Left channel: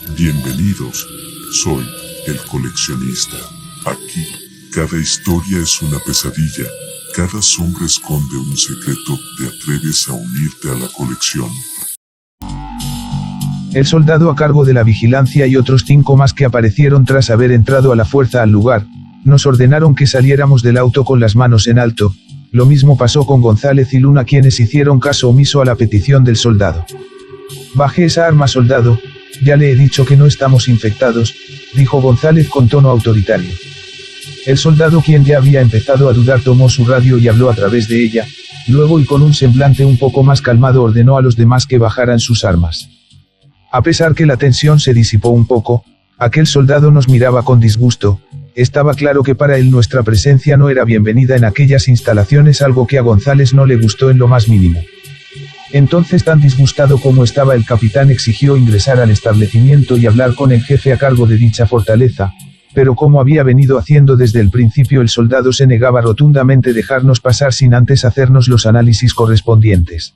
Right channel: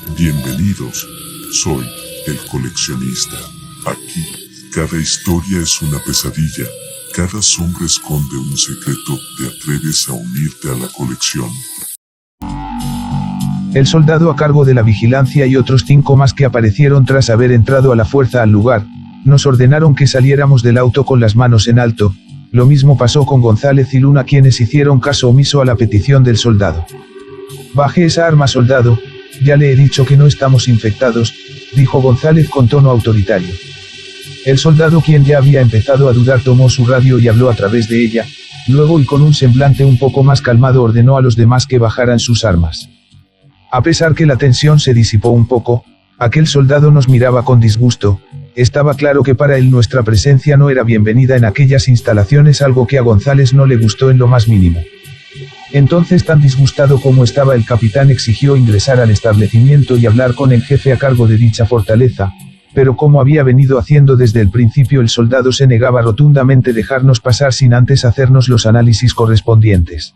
Bienvenidos, soy el coleccionista. Aquí, cada historia es una pesadilla, cada sombra esconde un secreto. ¿Te atreves a unirte a la colección? El soldado a cargo de la vigilancia y otros 5 más que aparecieron tras haber entrado a la fuerza al lugar, nos ordenaron que saliéramos del auto con las manos en alto. Lo mismo pasó con González y Luna, quienes hicieron caso omiso a la petición del soldado. «Baje esa arma, soldado, ya le he dicho que no estamos infectados», dijo González con tono autoritario. El soldado, quien ya había empezado a dudar, tomó su radio y habló a través de ella. Luego, y con un semblante un poco más calmado, ordenó a los demás que bajaran sus armas. A pesar que la tensión se disipó un poco, aquel soldado nos miraba con disgusto. Estaba claro que para él nuestra presencia no era bienvenida en aquellas instalaciones, algo que a González no le gustó en lo más mínimo. Entonces, tan disgustado como estaba, el capitán exigió ingresar al establecimiento y hablar con el jefe a cargo de dicha fortaleza, pero como había venido haciendo desde el principio, el soldado se negaba rotundamente a dejarnos pasar sin antes hacernos los análisis correspondientes.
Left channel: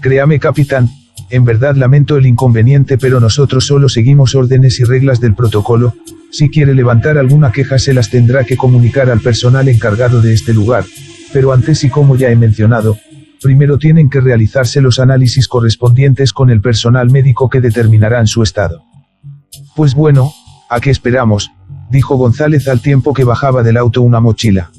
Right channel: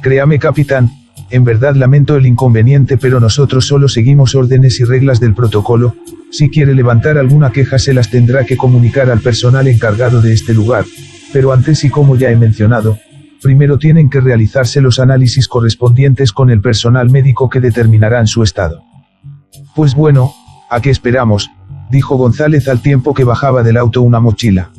«Créame, capitán, en verdad lamento el inconveniente, pero nosotros solo seguimos órdenes y reglas del protocolo. Si quiere levantar alguna queja, se las tendrá que comunicar al personal encargado de este lugar, pero antes, y como ya he mencionado, primero tienen que realizarse los análisis correspondientes con el personal médico que determinarán su estado». «Pues bueno, ¿a qué esperamos?», dijo González al tiempo que bajaba del auto una mochila.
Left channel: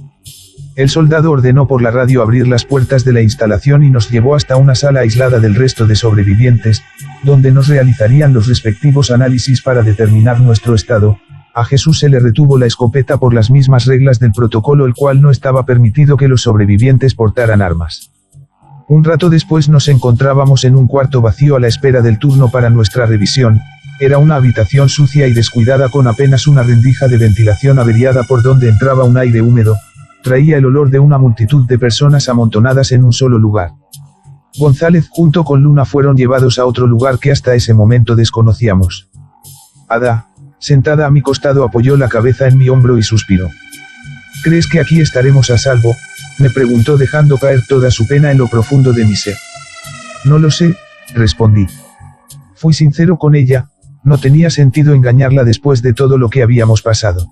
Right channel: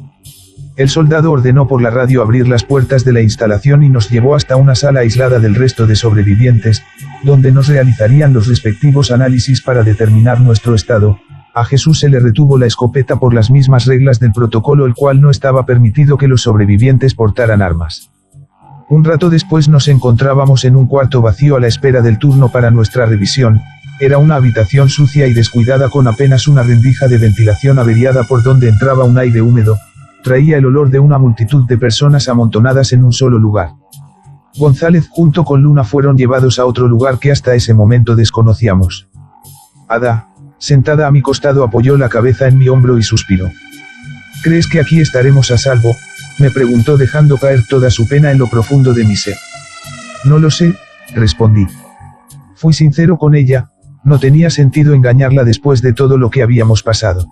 El soldado ordenó por la radio abrir las puertas de la instalación y nos llevó hasta una sala aislada del resto de sobrevivientes, donde nos realizarían los respectivos análisis para determinar nuestro estado. A Jesús se le retuvo la escopeta por las mismas reglas del protocolo, el cual no estaba permitido que los sobrevivientes portaran armas. Un rato después nos encontrábamos en un cuarto vacío a la espera del turno para nuestra revisión. Era una habitación sucia y descuidada, con apenas una rendija de ventilación averiada por donde entraba un aire húmedo. Traía el olor de una multitud de personas amontonadas en un solo lugar. González junto con Luna fueron llevados a otro lugar que hasta ese momento desconocíamos. Ada, sentada a mi costado, apoyó la cabeza en mi hombro y suspiró. «¿Crees que aquí estaremos a salvo?», me preguntó, dejando caer toda su pena en lo profundo de mi ser. «No lo sé», respondí. Fui sincero con ella, no tenía sentido engañarla después de todo lo que habíamos pasado.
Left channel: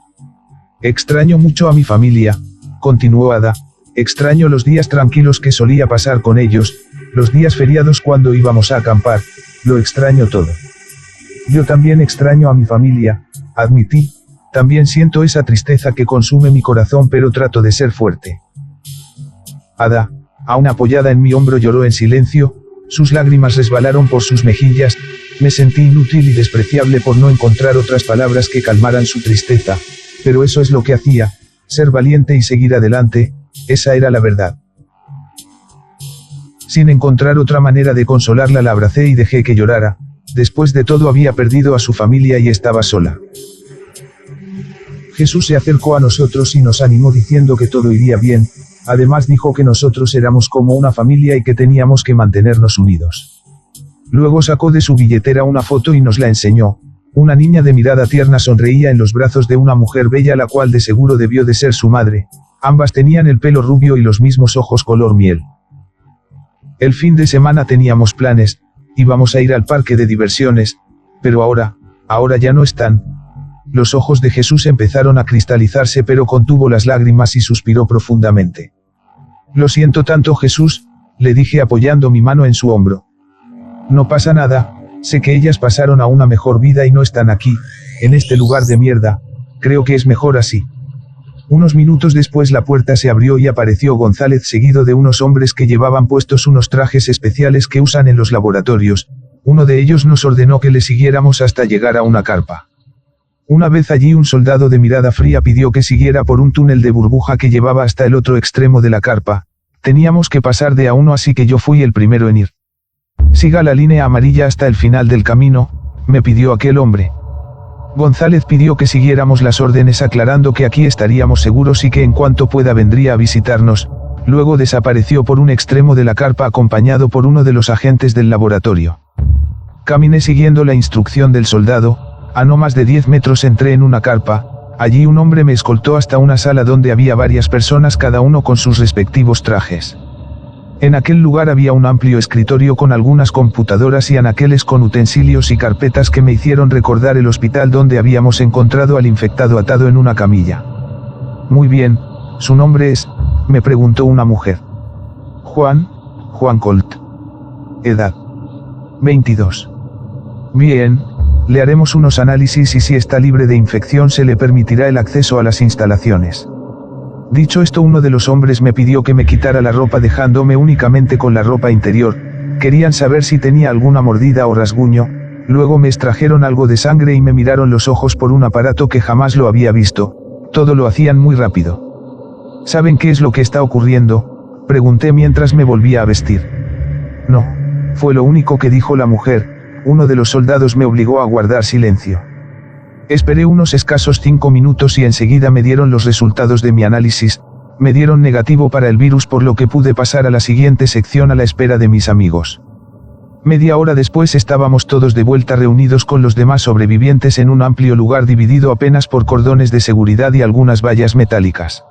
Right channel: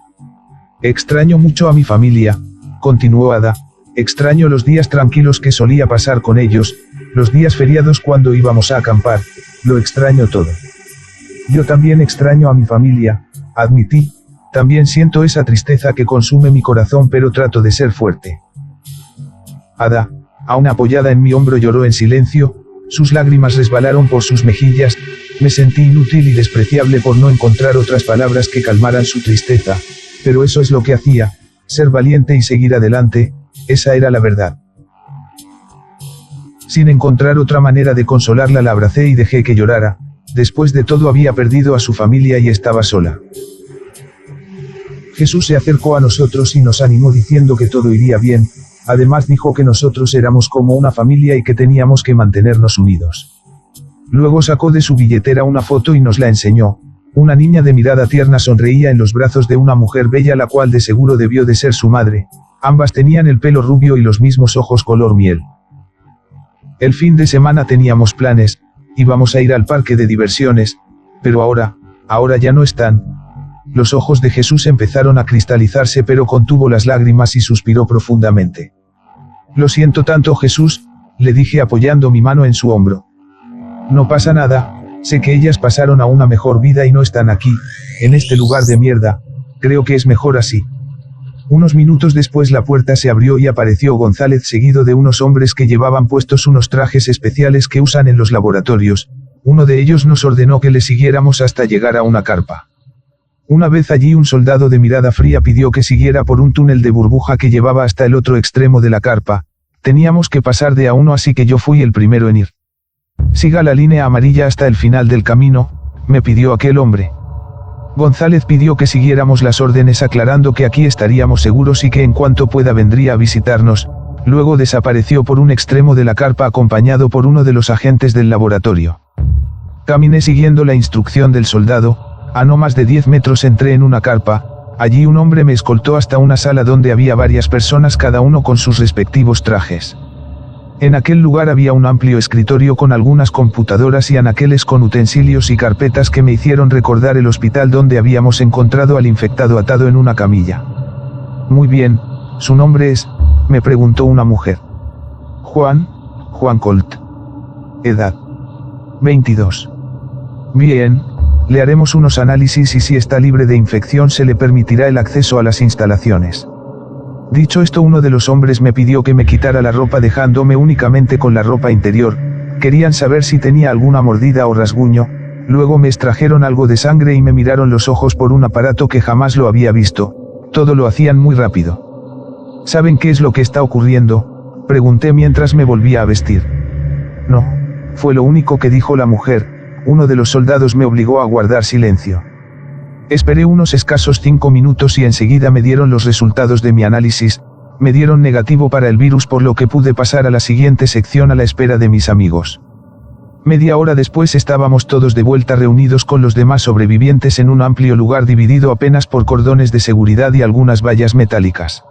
«Extraño mucho a mi familia», continuó Ada. «Extraño los días tranquilos que solía pasar con ellos, los días feriados cuando íbamos a acampar, lo extraño todo». «Yo también extraño a mi familia», admití. «También siento esa tristeza que consume mi corazón, pero trato de ser fuerte». Ada, aún apoyada en mi hombro, lloró en silencio. Sus lágrimas resbalaron por sus mejillas. Me sentí inútil y despreciable por no encontrar otras palabras que calmaran su tristeza, pero eso es lo que hacía, ser valiente y seguir adelante. Esa era la verdad. Sin encontrar otra manera de consolarla, la abracé y dejé que llorara. Después de todo, había perdido a su familia y estaba sola. Jesús se acercó a nosotros y nos animó diciendo que todo iría bien. Además dijo que nosotros éramos como una familia y que teníamos que mantenernos unidos. Luego sacó de su billetera una foto y nos la enseñó. Una niña de mirada tierna sonreía en los brazos de una mujer bella, la cual de seguro debió de ser su madre. Ambas tenían el pelo rubio y los mismos ojos color miel. El fin de semana teníamos planes, íbamos a ir al parque de diversiones, pero ahora ya no están. Los ojos de Jesús empezaron a cristalizarse, pero contuvo las lágrimas y suspiró profundamente. «Lo siento tanto, Jesús», le dije apoyando mi mano en su hombro. «No pasa nada, sé que ellas pasaron a una mejor vida y no están aquí, en este lugar de mierda. Creo que es mejor así». Unos minutos después la puerta se abrió y apareció González, seguido de unos hombres que llevaban puestos unos trajes especiales que usan en los laboratorios. Uno de ellos nos ordenó que le siguiéramos hasta llegar a una carpa. Una vez allí, un soldado de mirada fría pidió que siguiera por un túnel de burbuja que llevaba hasta el otro extremo de la carpa. Teníamos que pasar de a uno, así que yo fui el primero en ir. «Siga la línea amarilla hasta el final del camino», me pidió aquel hombre. González pidió que siguiéramos las órdenes, aclarando que aquí estaríamos seguros y que en cuanto pueda vendría a visitarnos. Luego desapareció por un extremo de la carpa acompañado por uno de los agentes del laboratorio. Caminé siguiendo la instrucción del soldado. A no más de 10 metros entré en una carpa. Allí un hombre me escoltó hasta una sala donde había varias personas, cada uno con sus respectivos trajes. En aquel lugar había un amplio escritorio con algunas computadoras y anaqueles con utensilios y carpetas que me hicieron recordar el hospital donde habíamos encontrado al infectado atado en una camilla. Muy bien, ¿su nombre es?, me preguntó una mujer. Juan Colt. Edad: 22. Bien, le haremos unos análisis y si está libre de infección se le permitirá el acceso a las instalaciones. Dicho esto, uno de los hombres me pidió que me quitara la ropa dejándome únicamente con la ropa interior. Querían saber si tenía alguna mordida o rasguño. Luego me extrajeron algo de sangre y me miraron los ojos por un aparato que jamás lo había visto. Todo lo hacían muy rápido. ¿Saben qué es lo que está ocurriendo?, pregunté mientras me volvía a vestir. No, fue lo único que dijo la mujer. Uno de los soldados me obligó a guardar silencio. Esperé unos escasos 5 minutos y enseguida me dieron los resultados de mi análisis. Me dieron negativo para el virus, por lo que pude pasar a la siguiente sección a la espera de mis amigos. Media hora después estábamos todos de vuelta reunidos con los demás sobrevivientes en un amplio lugar dividido apenas por cordones de seguridad y algunas vallas metálicas.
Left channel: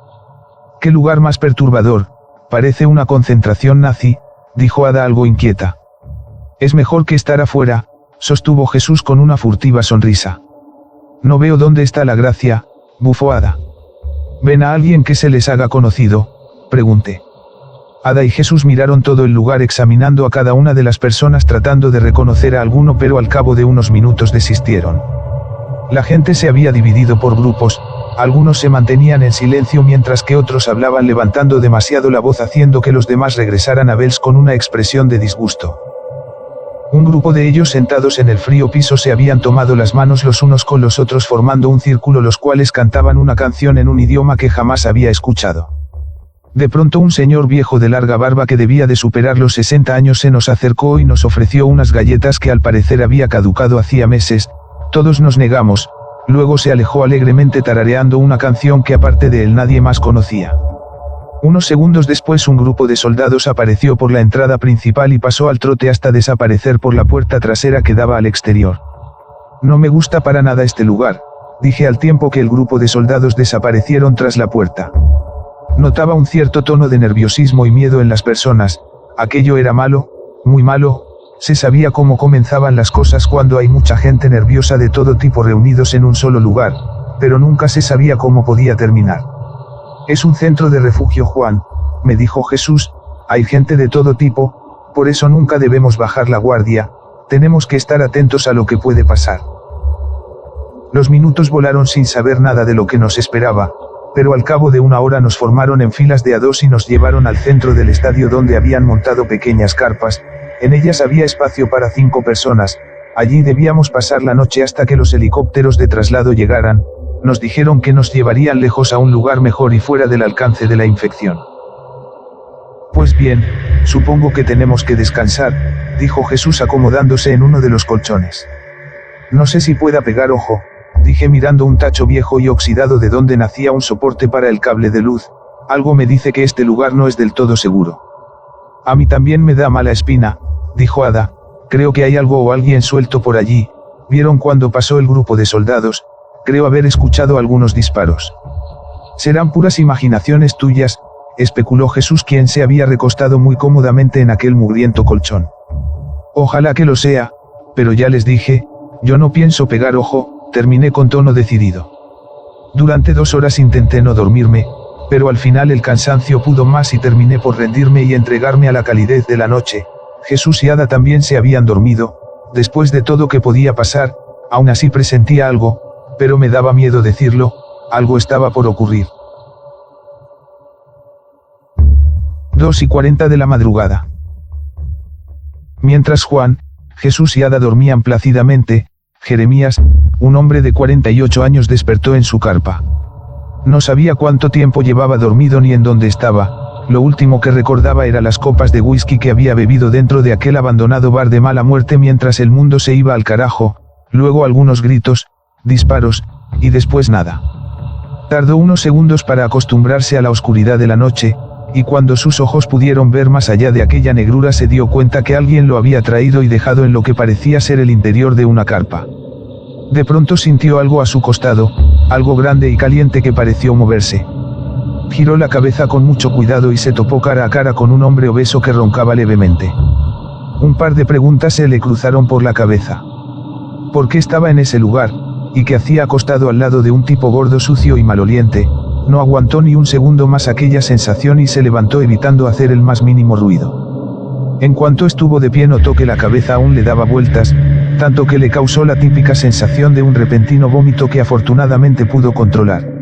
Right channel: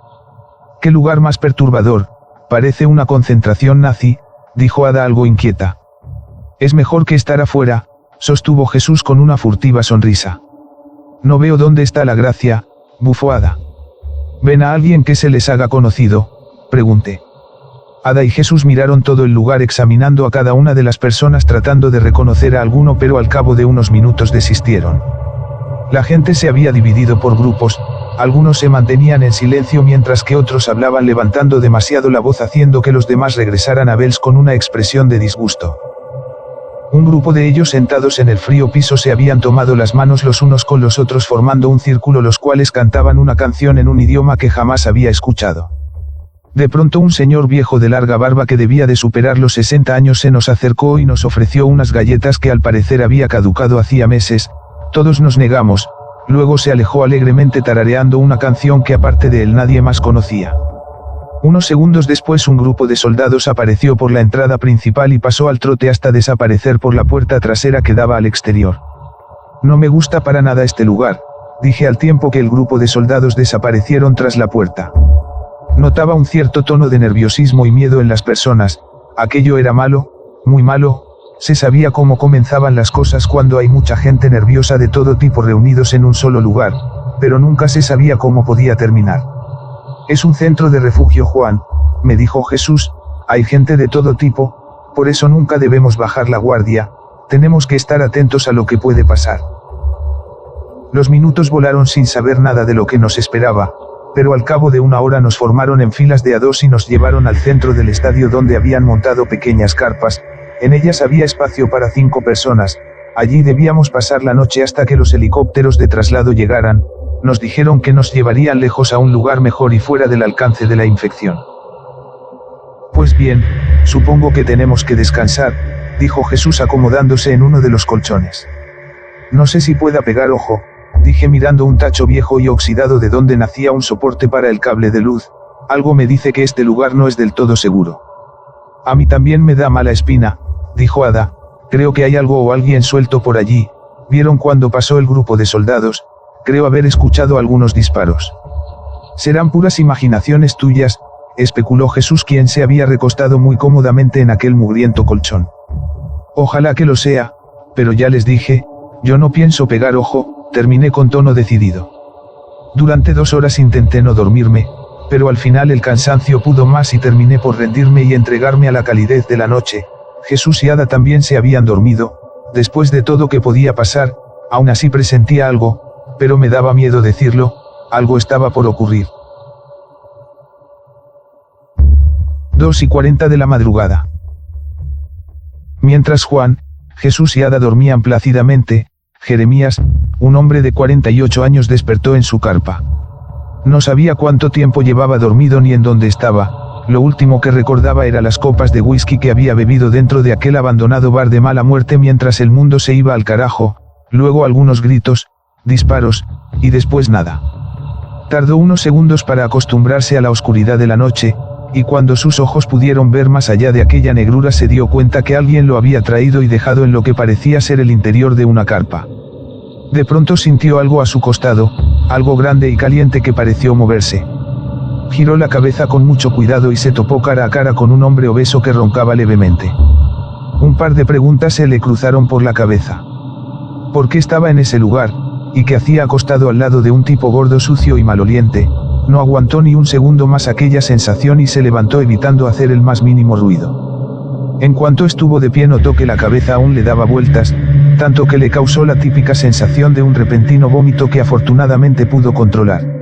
¡Qué lugar más perturbador! Parece una concentración nazi, dijo Ada algo inquieta. Es mejor que estar afuera, sostuvo Jesús con una furtiva sonrisa. No veo dónde está la gracia, bufó Ada. ¿Ven a alguien que se les haga conocido?, pregunté. Ada y Jesús miraron todo el lugar examinando a cada una de las personas tratando de reconocer a alguno, pero al cabo de unos minutos desistieron. La gente se había dividido por grupos, algunos se mantenían en silencio mientras que otros hablaban levantando demasiado la voz haciendo que los demás regresaran a verlos con una expresión de disgusto. Un grupo de ellos sentados en el frío piso se habían tomado las manos los unos con los otros formando un círculo, los cuales cantaban una canción en un idioma que jamás había escuchado. De pronto un señor viejo de larga barba que debía de superar los 60 años se nos acercó y nos ofreció unas galletas que al parecer había caducado hacía meses. Todos nos negamos. Luego se alejó alegremente tarareando una canción que aparte de él nadie más conocía. Unos segundos después un grupo de soldados apareció por la entrada principal y pasó al trote hasta desaparecer por la puerta trasera que daba al exterior. No me gusta para nada este lugar, dije al tiempo que el grupo de soldados desaparecieron tras la puerta. Notaba un cierto tono de nerviosismo y miedo en las personas. Aquello era malo, muy malo. Se sabía cómo comenzaban las cosas cuando hay mucha gente nerviosa de todo tipo reunidos en un solo lugar, pero nunca se sabía cómo podía terminar. Es un centro de refugio, Juan, me dijo Jesús, hay gente de todo tipo, por eso nunca debemos bajar la guardia, tenemos que estar atentos a lo que puede pasar. Los minutos volaron sin saber nada de lo que nos esperaba, pero al cabo de una hora nos formaron en filas de a dos y nos llevaron al centro del estadio donde habían montado pequeñas carpas, en ellas había espacio para 5 personas, allí debíamos pasar la noche hasta que los helicópteros de traslado llegaran. Nos dijeron que nos llevarían lejos a un lugar mejor y fuera del alcance de la infección. Pues bien, supongo que tenemos que descansar, dijo Jesús acomodándose en uno de los colchones. No sé si pueda pegar ojo, dije mirando un tacho viejo y oxidado de donde nacía un soporte para el cable de luz. Algo me dice que este lugar no es del todo seguro. A mí también me da mala espina, dijo Ada. Creo que hay algo o alguien suelto por allí. ¿Vieron cuando pasó el grupo de soldados? Creo haber escuchado algunos disparos. Serán puras imaginaciones tuyas, especuló Jesús, quien se había recostado muy cómodamente en aquel mugriento colchón. Ojalá que lo sea, pero ya les dije, yo no pienso pegar ojo, terminé con tono decidido. Durante 2 horas intenté no dormirme, pero al final el cansancio pudo más y terminé por rendirme y entregarme a la calidez de la noche. Jesús y Ada también se habían dormido. Después de todo que podía pasar, aún así presentía algo, pero me daba miedo decirlo, algo estaba por ocurrir. 2:40 de la madrugada. Mientras Juan, Jesús y Ada dormían plácidamente, Jeremías, un hombre de 48 años, despertó en su carpa. No sabía cuánto tiempo llevaba dormido ni en dónde estaba, lo último que recordaba era las copas de whisky que había bebido dentro de aquel abandonado bar de mala muerte mientras el mundo se iba al carajo, luego algunos gritos, disparos, y después nada. Tardó unos segundos para acostumbrarse a la oscuridad de la noche, y cuando sus ojos pudieron ver más allá de aquella negrura se dio cuenta que alguien lo había traído y dejado en lo que parecía ser el interior de una carpa. De pronto sintió algo a su costado, algo grande y caliente que pareció moverse. Giró la cabeza con mucho cuidado y se topó cara a cara con un hombre obeso que roncaba levemente. Un par de preguntas se le cruzaron por la cabeza. ¿Por qué estaba en ese lugar? ¿Y qué hacía acostado al lado de un tipo gordo, sucio y maloliente? No aguantó ni un segundo más aquella sensación y se levantó evitando hacer el más mínimo ruido. En cuanto estuvo de pie notó que la cabeza aún le daba vueltas, tanto que le causó la típica sensación de un repentino vómito que afortunadamente pudo controlar.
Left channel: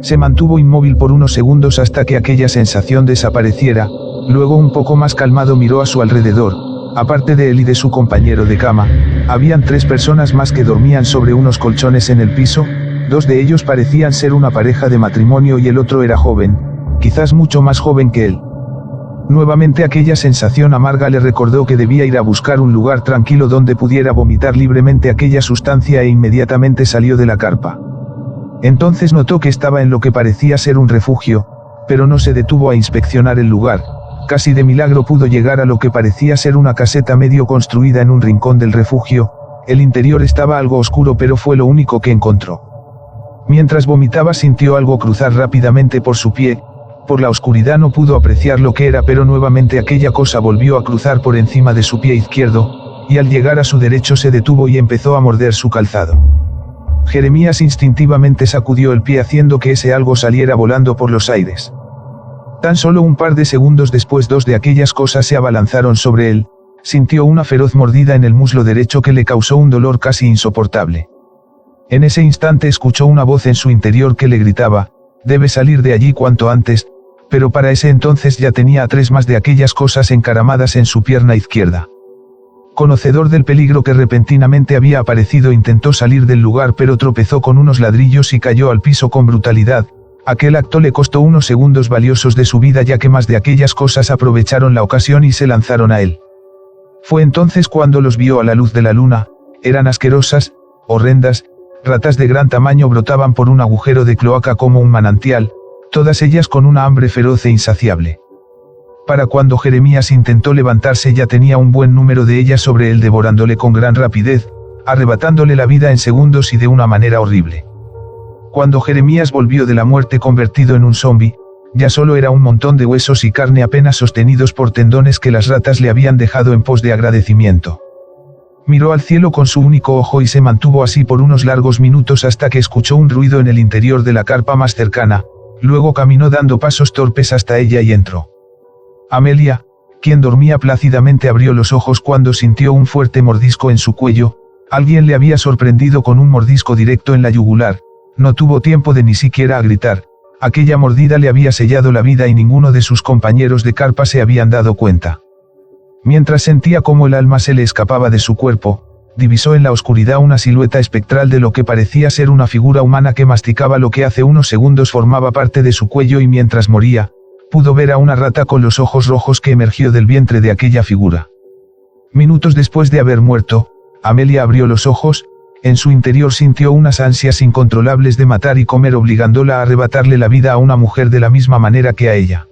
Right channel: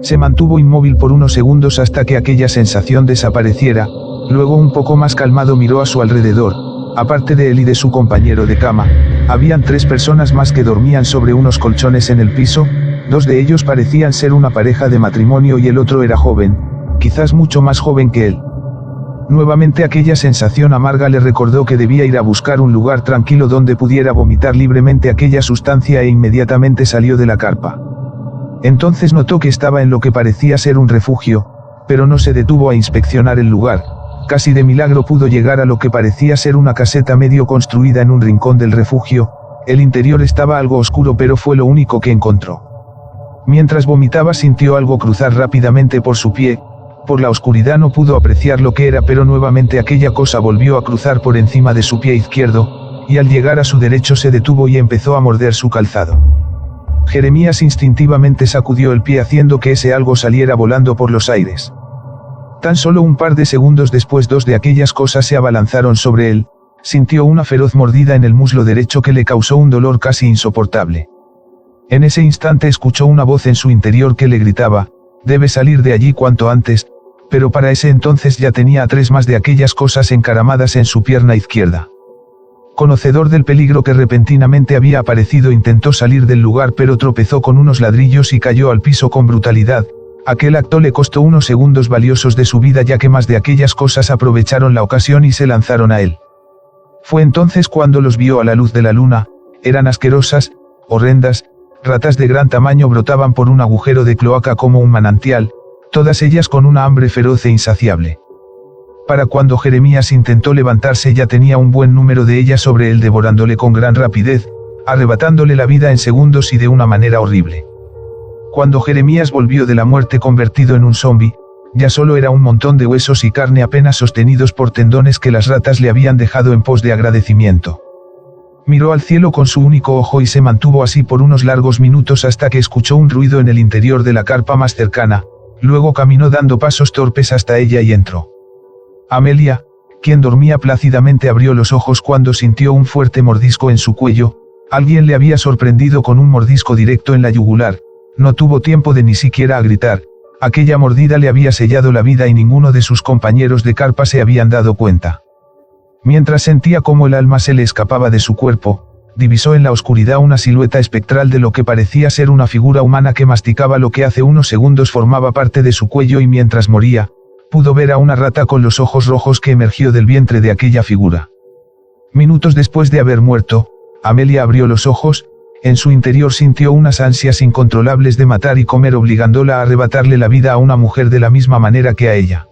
Se mantuvo inmóvil por unos segundos hasta que aquella sensación desapareciera, luego un poco más calmado miró a su alrededor. Aparte de él y de su compañero de cama, habían 3 personas más que dormían sobre unos colchones en el piso, 2 de ellos parecían ser una pareja de matrimonio y el otro era joven, quizás mucho más joven que él. Nuevamente aquella sensación amarga le recordó que debía ir a buscar un lugar tranquilo donde pudiera vomitar libremente aquella sustancia e inmediatamente salió de la carpa. Entonces notó que estaba en lo que parecía ser un refugio, pero no se detuvo a inspeccionar el lugar. Casi de milagro pudo llegar a lo que parecía ser una caseta medio construida en un rincón del refugio. El interior estaba algo oscuro pero fue lo único que encontró. Mientras vomitaba sintió algo cruzar rápidamente por su pie. Por la oscuridad no pudo apreciar lo que era, pero nuevamente aquella cosa volvió a cruzar por encima de su pie izquierdo, y al llegar a su derecho se detuvo y empezó a morder su calzado. Jeremías instintivamente sacudió el pie haciendo que ese algo saliera volando por los aires. Tan solo un par de segundos después 2 de aquellas cosas se abalanzaron sobre él, sintió una feroz mordida en el muslo derecho que le causó un dolor casi insoportable. En ese instante escuchó una voz en su interior que le gritaba, «Debe salir de allí cuanto antes», pero para ese entonces ya tenía a 3 más de aquellas cosas encaramadas en su pierna izquierda. Conocedor del peligro que repentinamente había aparecido, intentó salir del lugar pero tropezó con unos ladrillos y cayó al piso con brutalidad. Aquel acto le costó unos segundos valiosos de su vida, ya que más de aquellas cosas aprovecharon la ocasión y se lanzaron a él. Fue entonces cuando los vio a la luz de la luna. Eran asquerosas, horrendas, ratas de gran tamaño brotaban por un agujero de cloaca como un manantial, todas ellas con una hambre feroz e insaciable. Para cuando Jeremías intentó levantarse ya tenía un buen número de ellas sobre él devorándole con gran rapidez, arrebatándole la vida en segundos y de una manera horrible. Cuando Jeremías volvió de la muerte convertido en un zombi, ya solo era un montón de huesos y carne apenas sostenidos por tendones que las ratas le habían dejado en pos de agradecimiento. Miró al cielo con su único ojo y se mantuvo así por unos largos minutos hasta que escuchó un ruido en el interior de la carpa más cercana, luego caminó dando pasos torpes hasta ella y entró. Amelia, quien dormía plácidamente, abrió los ojos cuando sintió un fuerte mordisco en su cuello. Alguien le había sorprendido con un mordisco directo en la yugular. No tuvo tiempo de ni siquiera a gritar. Aquella mordida le había sellado la vida y ninguno de sus compañeros de carpa se habían dado cuenta. Mientras sentía cómo el alma se le escapaba de su cuerpo, divisó en la oscuridad una silueta espectral de lo que parecía ser una figura humana que masticaba lo que hace unos segundos formaba parte de su cuello, y mientras moría, pudo ver a una rata con los ojos rojos que emergió del vientre de aquella figura. Minutos después de haber muerto, Amelia abrió los ojos. En su interior sintió unas ansias incontrolables de matar y comer, obligándola a arrebatarle la vida a una mujer de la misma manera que a ella.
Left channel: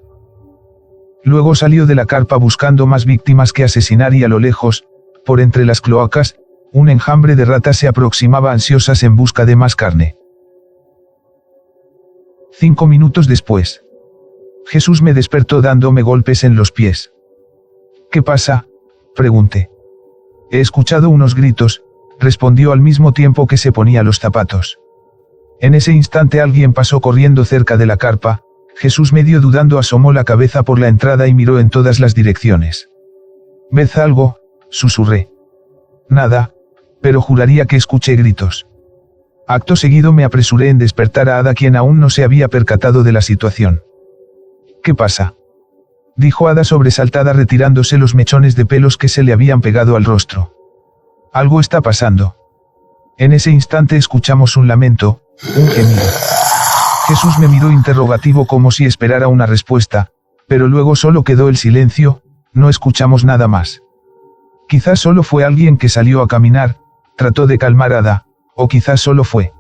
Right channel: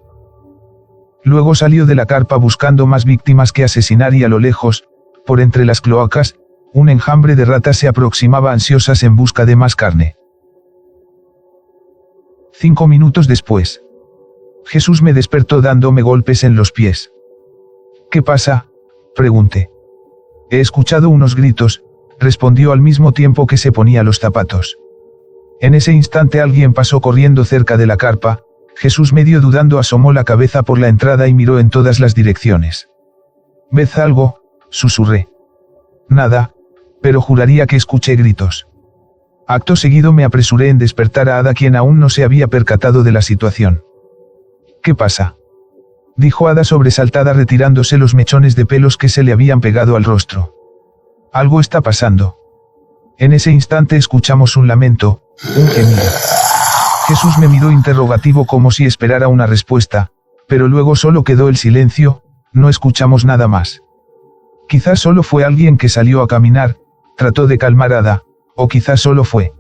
Luego salió de la carpa buscando más víctimas que asesinar y a lo lejos, por entre las cloacas, un enjambre de ratas se aproximaba ansiosas en busca de más carne. 5 minutos después. Jesús me despertó dándome golpes en los pies. «¿Qué pasa?», pregunté. «He escuchado unos gritos», respondió al mismo tiempo que se ponía los zapatos. En ese instante alguien pasó corriendo cerca de la carpa. Jesús, medio dudando, asomó la cabeza por la entrada y miró en todas las direcciones. «¿Ves algo?», susurré. «Nada, pero juraría que escuché gritos». Acto seguido me apresuré en despertar a Ada, quien aún no se había percatado de la situación. «¿Qué pasa?», dijo Ada sobresaltada, retirándose los mechones de pelos que se le habían pegado al rostro. «Algo está pasando». En ese instante escuchamos un lamento, un gemido. Jesús me miró interrogativo como si esperara una respuesta, pero luego solo quedó el silencio. No escuchamos nada más. Quizás solo fue alguien que salió a caminar, trató de calmar a Ada, o quizás solo fue.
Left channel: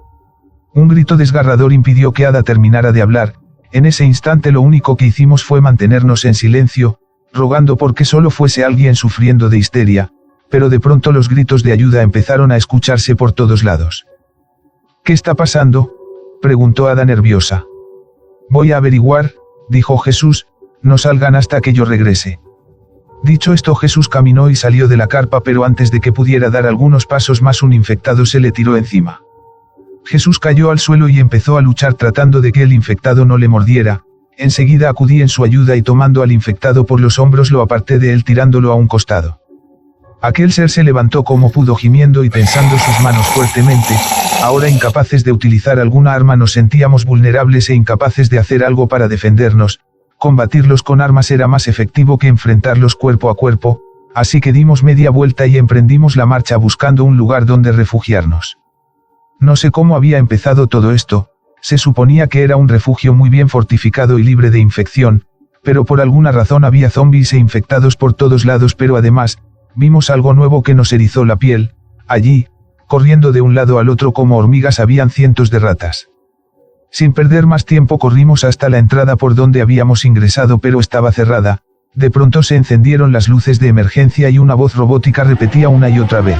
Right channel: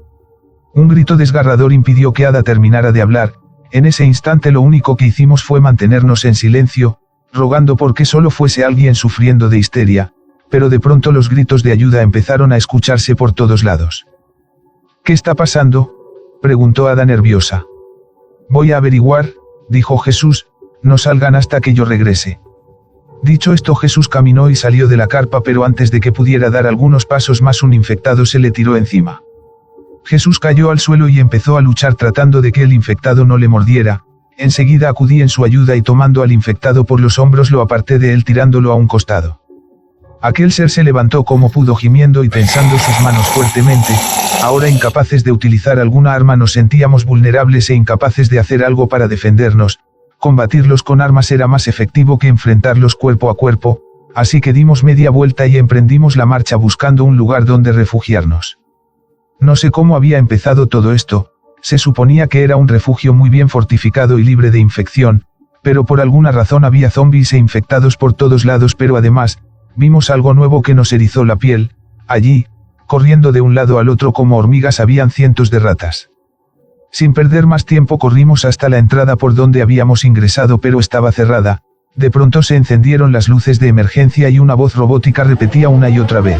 Un grito desgarrador impidió que Ada terminara de hablar. En ese instante lo único que hicimos fue mantenernos en silencio, rogando porque solo fuese alguien sufriendo de histeria. Pero de pronto los gritos de ayuda empezaron a escucharse por todos lados. «¿Qué está pasando?», preguntó Ada nerviosa. Voy a averiguar, dijo Jesús, no salgan hasta que yo regrese. Dicho esto, Jesús caminó y salió de la carpa, pero antes de que pudiera dar algunos pasos más, un infectado se le tiró encima. Jesús cayó al suelo y empezó a luchar tratando de que el infectado no le mordiera. Enseguida acudí en su ayuda y tomando al infectado por los hombros lo aparté de él tirándolo a un costado. Aquel ser se levantó como pudo gimiendo y tensando sus manos fuertemente. Ahora incapaces de utilizar alguna arma nos sentíamos vulnerables e incapaces de hacer algo para defendernos. Combatirlos con armas era más efectivo que enfrentarlos cuerpo a cuerpo, así que dimos media vuelta y emprendimos la marcha buscando un lugar donde refugiarnos. No sé cómo había empezado todo esto, se suponía que era un refugio muy bien fortificado y libre de infección, pero por alguna razón había zombies e infectados por todos lados, pero además, vimos algo nuevo que nos erizó la piel. Allí, corriendo de un lado al otro como hormigas, habían cientos de ratas. Sin perder más tiempo corrimos hasta la entrada por donde habíamos ingresado, pero estaba cerrada. De pronto se encendieron las luces de emergencia y una voz robótica repetía una y otra vez:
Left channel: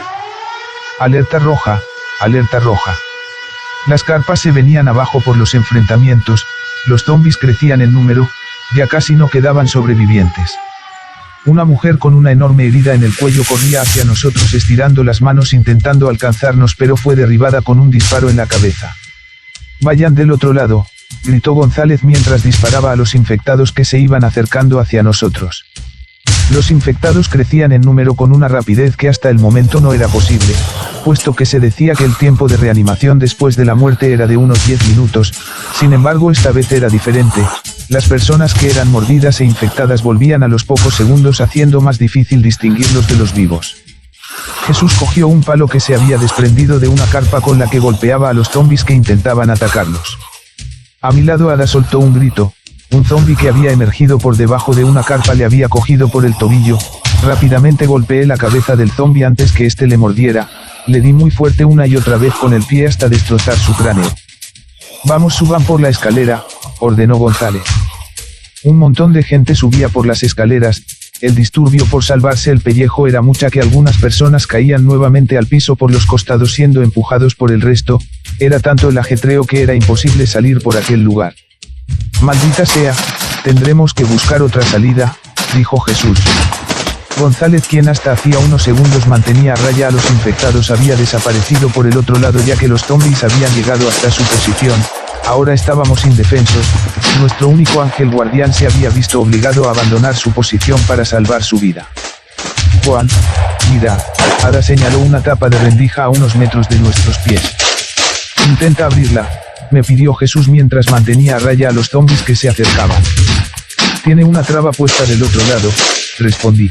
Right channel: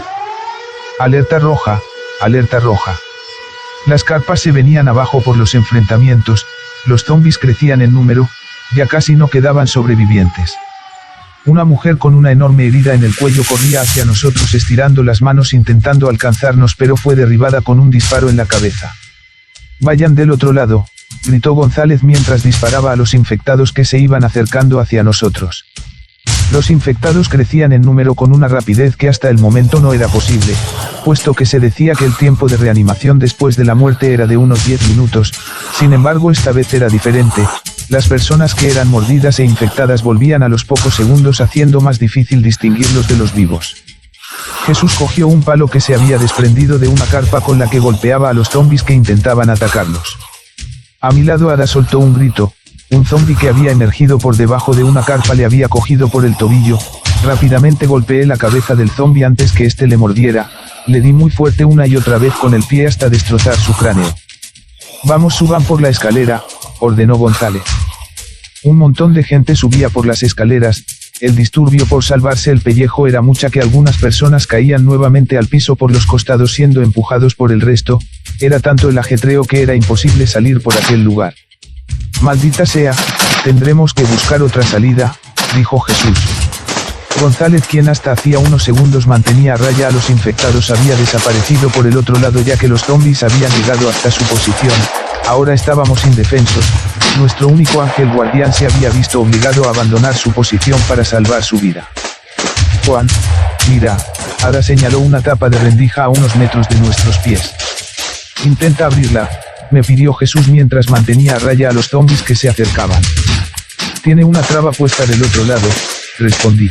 alerta roja, alerta roja. Las carpas se venían abajo por los enfrentamientos, los zombies crecían en número, ya casi no quedaban sobrevivientes. Una mujer con una enorme herida en el cuello corría hacia nosotros estirando las manos intentando alcanzarnos, pero fue derribada con un disparo en la cabeza. Vayan del otro lado, gritó González mientras disparaba a los infectados que se iban acercando hacia nosotros. Los infectados crecían en número con una rapidez que hasta el momento no era posible, puesto que se decía que el tiempo de reanimación después de la muerte era de unos 10 minutos, sin embargo esta vez era diferente. Las personas que eran mordidas e infectadas volvían a los pocos segundos, haciendo más difícil distinguirlos de los vivos. Jesús cogió un palo que se había desprendido de una carpa con la que golpeaba a los zombies que intentaban atacarlos. A mi lado Ada soltó un grito. Un zombi que había emergido por debajo de una carpa le había cogido por el tobillo. Rápidamente golpeé la cabeza del zombi antes que éste le mordiera. Le di muy fuerte una y otra vez con el pie hasta destrozar su cráneo. Vamos, suban por la escalera, ordenó González. Un montón de gente subía por las escaleras. El disturbio por salvarse el pellejo era mucha que algunas personas caían nuevamente al piso por los costados siendo empujados por el resto. Era tanto el ajetreo que era imposible salir por aquel lugar. Maldita sea, tendremos que buscar otra salida, dijo Jesús. González, quien hasta hacía unos segundos mantenía a raya a los infectados, había desaparecido por el otro lado ya que los zombies habían llegado hasta su posición. Ahora estábamos indefensos. Nuestro único ángel guardián se había visto obligado a abandonar su posición para salvar su vida. Juan, mira, Ada señaló una tapa de rendija a unos metros de nuestros pies. Intenta abrirla, me pidió Jesús mientras mantenía a raya a los zombies que se acercaban. Tiene una traba puesta en el otro lado, respondí.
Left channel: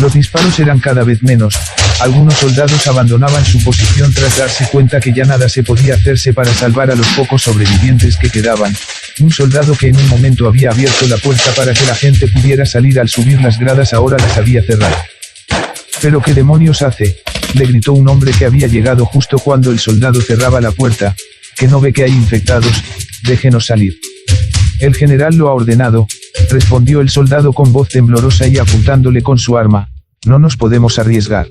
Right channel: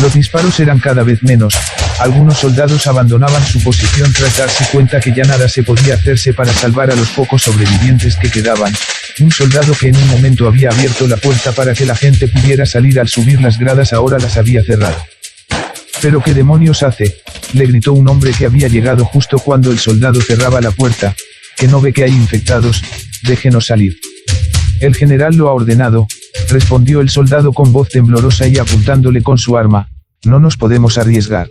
Los disparos eran cada vez menos. Algunos soldados abandonaban su posición tras darse cuenta que ya nada se podía hacerse para salvar a los pocos sobrevivientes que quedaban. Un soldado que en un momento había abierto la puerta para que la gente pudiera salir al subir las gradas ahora las había cerrado. ¿Pero qué demonios hace?, le gritó un hombre que había llegado justo cuando el soldado cerraba la puerta. ¿Que no ve que hay infectados? Déjenos salir. El general lo ha ordenado, respondió el soldado con voz temblorosa y apuntándole con su arma. No nos podemos arriesgar.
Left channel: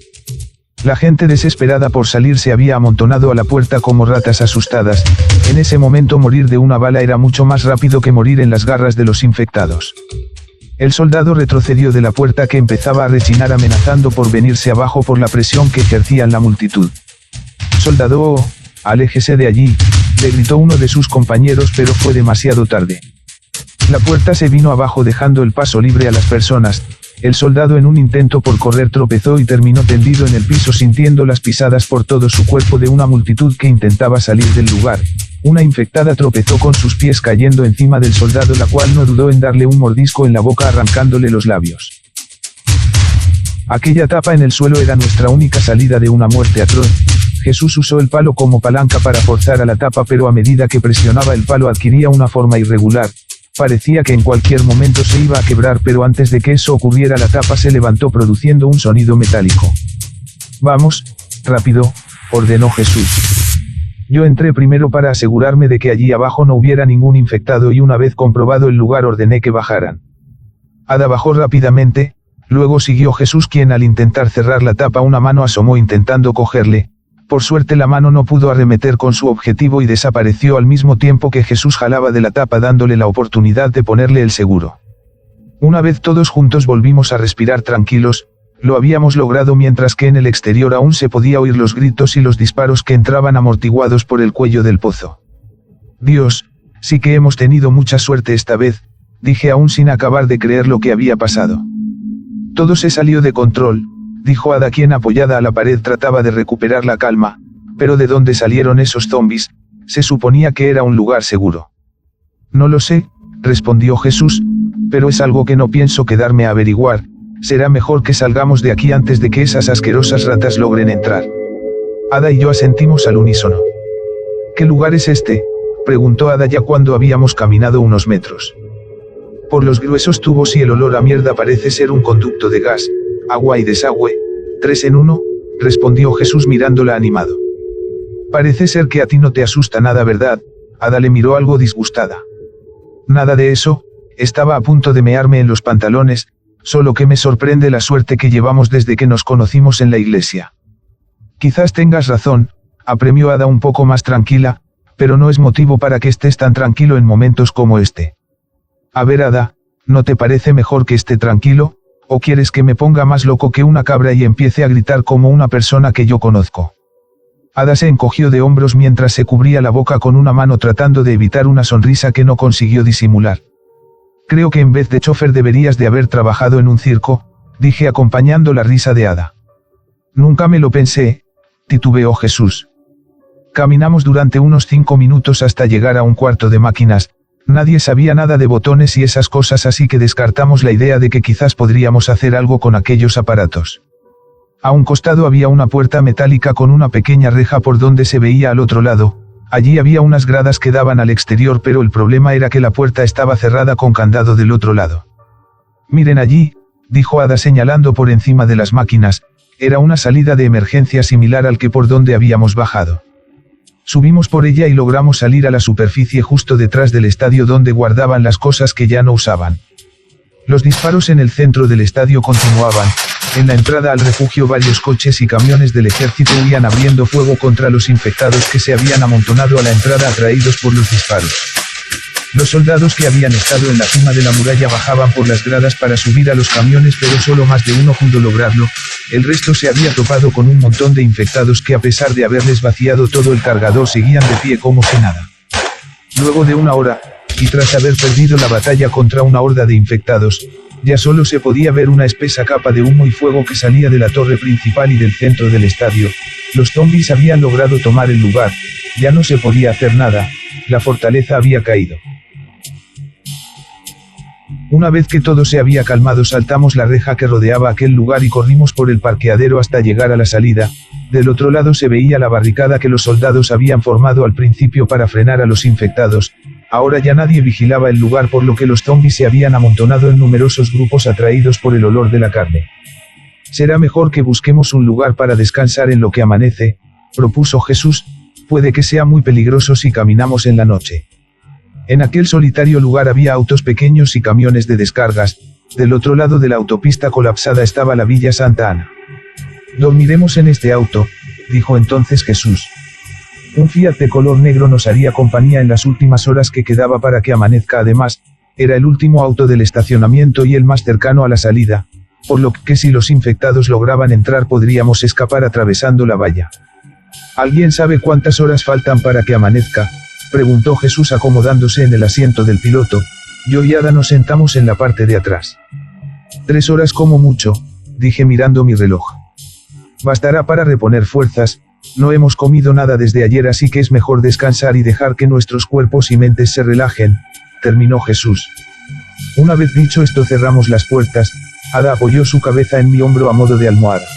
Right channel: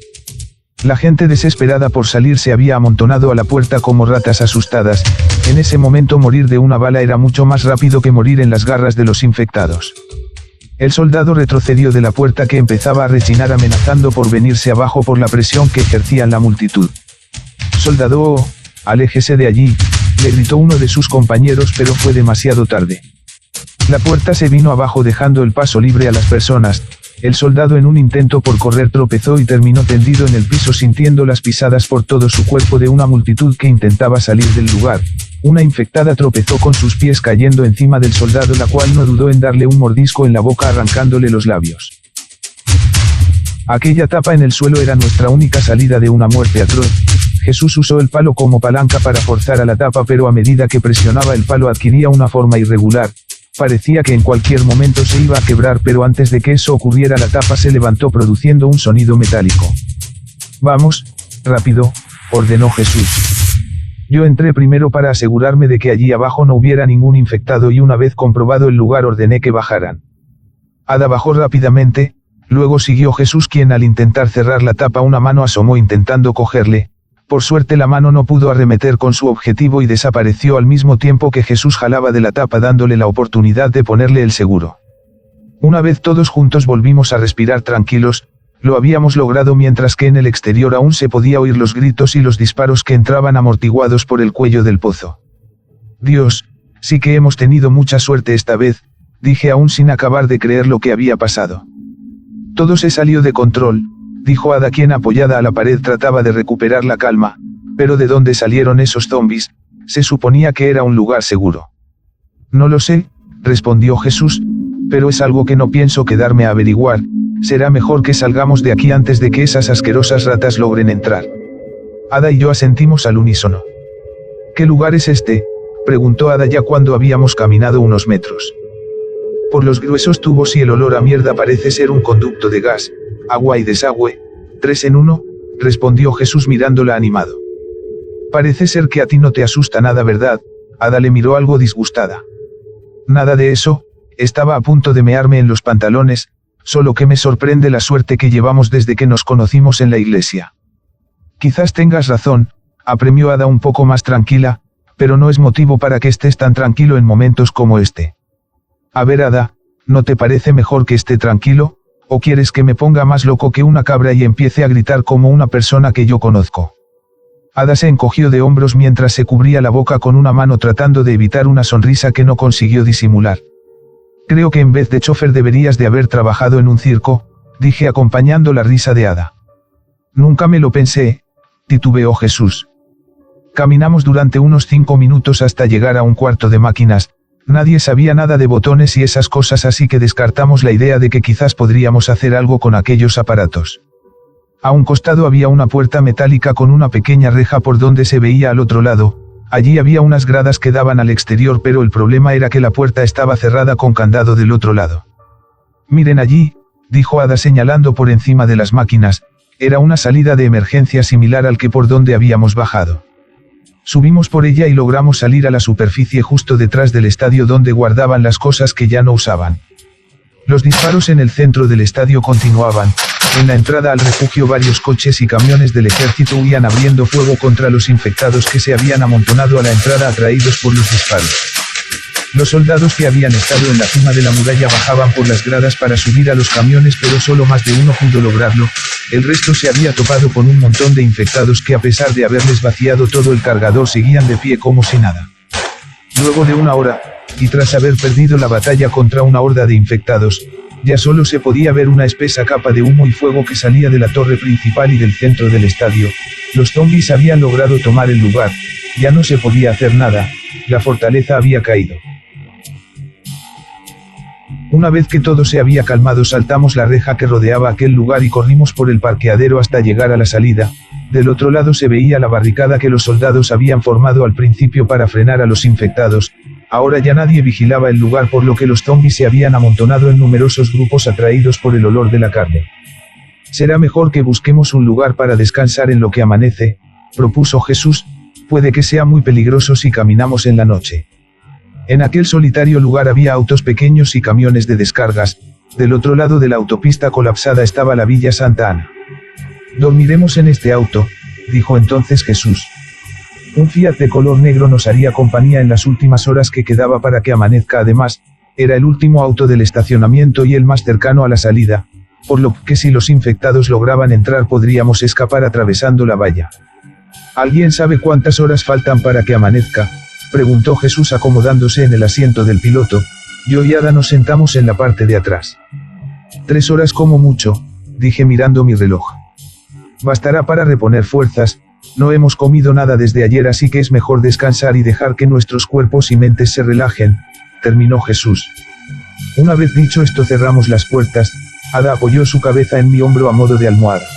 La gente desesperada por salir se había amontonado a la puerta como ratas asustadas. En ese momento morir de una bala era mucho más rápido que morir en las garras de los infectados. El soldado retrocedió de la puerta que empezaba a rechinar amenazando por venirse abajo por la presión que ejercían la multitud. Soldado, aléjese de allí, le gritó uno de sus compañeros, pero fue demasiado tarde. La puerta se vino abajo dejando el paso libre a las personas. El soldado en un intento por correr tropezó y terminó tendido en el piso sintiendo las pisadas por todo su cuerpo de una multitud que intentaba salir del lugar. Una infectada tropezó con sus pies cayendo encima del soldado, la cual no dudó en darle un mordisco en la boca arrancándole los labios. Aquella tapa en el suelo era nuestra única salida de una muerte atroz. Jesús usó el palo como palanca para forzar a la tapa, pero a medida que presionaba el palo adquiría una forma irregular. Parecía que en cualquier momento se iba a quebrar, pero antes de que eso ocurriera la tapa se levantó produciendo un sonido metálico. Vamos, rápido, ordenó Jesús. Yo entré primero para asegurarme de que allí abajo no hubiera ningún infectado y una vez comprobado el lugar ordené que bajaran. Ada bajó rápidamente, luego siguió Jesús, quien al intentar cerrar la tapa una mano asomó intentando cogerle, Por suerte la mano no pudo arremeter con su objetivo y desapareció al mismo tiempo que Jesús jalaba de la tapa dándole la oportunidad de ponerle el seguro. Una vez todos juntos volvimos a respirar tranquilos, lo habíamos logrado mientras que en el exterior aún se podía oír los gritos y los disparos que entraban amortiguados por el cuello del pozo. Dios, sí que hemos tenido mucha suerte esta vez, dije aún sin acabar de creer lo que había pasado. Todo se salió de control, dijo Ada quien apoyada a la pared trataba de recuperar la calma, pero ¿de dónde salieron esos zombies? Se suponía que era un lugar seguro. No lo sé, respondió Jesús, pero es algo que no pienso quedarme a averiguar, será mejor que salgamos de aquí antes de que esas asquerosas ratas logren entrar. Ada y yo asentimos al unísono. ¿Qué lugar es este?, preguntó Ada ya cuando habíamos caminado unos metros. Por los gruesos tubos y el olor a mierda parece ser un conducto de gas, agua y desagüe, 3 en 1, respondió Jesús mirándola animado. Parece ser que a ti no te asusta nada, ¿verdad? Ada le miró algo disgustada. Nada de eso, estaba a punto de mearme en los pantalones, solo que me sorprende la suerte que llevamos desde que nos conocimos en la iglesia. Quizás tengas razón, apremió Ada un poco más tranquila, pero no es motivo para que estés tan tranquilo en momentos como este. A ver Ada, ¿no te parece mejor que esté tranquilo, o quieres que me ponga más loco que una cabra y empiece a gritar como una persona que yo conozco? Ada se encogió de hombros mientras se cubría la boca con una mano tratando de evitar una sonrisa que no consiguió disimular. Creo que en vez de chofer deberías de haber trabajado en un circo, dije acompañando la risa de Ada. Nunca me lo pensé, titubeó Jesús. Caminamos durante unos 5 minutos hasta llegar a un cuarto de máquinas, nadie sabía nada de botones y esas cosas así que descartamos la idea de que quizás podríamos hacer algo con aquellos aparatos. A un costado había una puerta metálica con una pequeña reja por donde se veía al otro lado. Allí había unas gradas que daban al exterior, pero el problema era que la puerta estaba cerrada con candado del otro lado. Miren allí, dijo Ada señalando por encima de las máquinas, era una salida de emergencia similar al que por donde habíamos bajado. Subimos por ella y logramos salir a la superficie justo detrás del estadio donde guardaban las cosas que ya no usaban. Los disparos en el centro del estadio continuaban. En la entrada al refugio varios coches y camiones del ejército huían abriendo fuego contra los infectados que se habían amontonado a la entrada atraídos por los disparos. Los soldados que habían estado en la cima de la muralla bajaban por las gradas para subir a los camiones, pero solo más de uno pudo lograrlo. El resto se había topado con un montón de infectados que a pesar de haberles vaciado todo el cargador seguían de pie como si nada. Luego de una hora, y tras haber perdido la batalla contra una horda de infectados, ya solo se podía ver una espesa capa de humo y fuego que salía de la torre principal y del centro del estadio. Los zombies habían logrado tomar el lugar, ya no se podía hacer nada, la fortaleza había caído. Una vez que todo se había calmado saltamos la reja que rodeaba aquel lugar y corrimos por el parqueadero hasta llegar a la salida. Del otro lado se veía la barricada que los soldados habían formado al principio para frenar a los infectados. Ahora ya nadie vigilaba el lugar, por lo que los zombies se habían amontonado en numerosos grupos atraídos por el olor de la carne. Será mejor que busquemos un lugar para descansar en lo que amanece, propuso Jesús, puede que sea muy peligroso si caminamos en la noche. En aquel solitario lugar había autos pequeños y camiones de descargas, del otro lado de la autopista colapsada estaba la Villa Santa Ana. Dormiremos en este auto, dijo entonces Jesús. Un Fiat de color negro nos haría compañía en las últimas horas que quedaba para que amanezca. Además, era el último auto del estacionamiento y el más cercano a la salida, por lo que si los infectados lograban entrar podríamos escapar atravesando la valla. ¿Alguien sabe cuántas horas faltan para que amanezca?, preguntó Jesús acomodándose en el asiento del piloto. Yo y Ada nos sentamos en la parte de atrás. 3 horas como mucho, dije mirando mi reloj. Bastará para reponer fuerzas, no hemos comido nada desde ayer, así que es mejor descansar y dejar que nuestros cuerpos y mentes se relajen, terminó Jesús. Una vez dicho esto cerramos las puertas. Ada apoyó su cabeza en mi hombro a modo de almohada.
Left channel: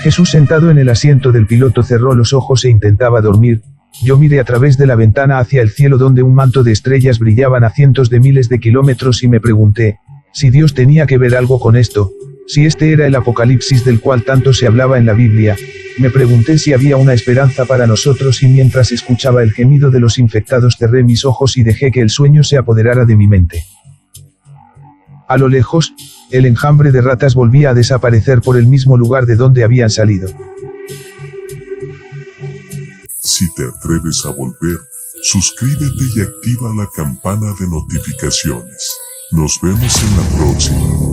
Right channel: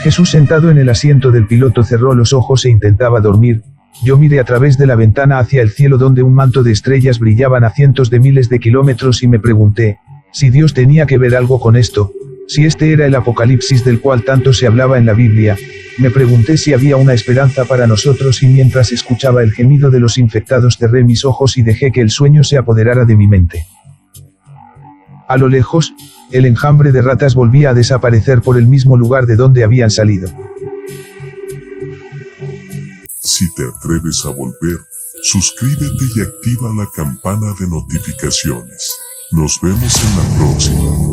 Jesús sentado en el asiento del piloto cerró los ojos e intentaba dormir. Yo miré a través de la ventana hacia el cielo donde un manto de estrellas brillaban a cientos de miles de kilómetros y me pregunté, si Dios tenía que ver algo con esto, si este era el apocalipsis del cual tanto se hablaba en la Biblia. Me pregunté si había una esperanza para nosotros y mientras escuchaba el gemido de los infectados cerré mis ojos y dejé que el sueño se apoderara de mi mente. A lo lejos, el enjambre de ratas volvía a desaparecer por el mismo lugar de donde habían salido. Si te atreves a volver, suscríbete y activa la campana de notificaciones. Nos vemos en la próxima.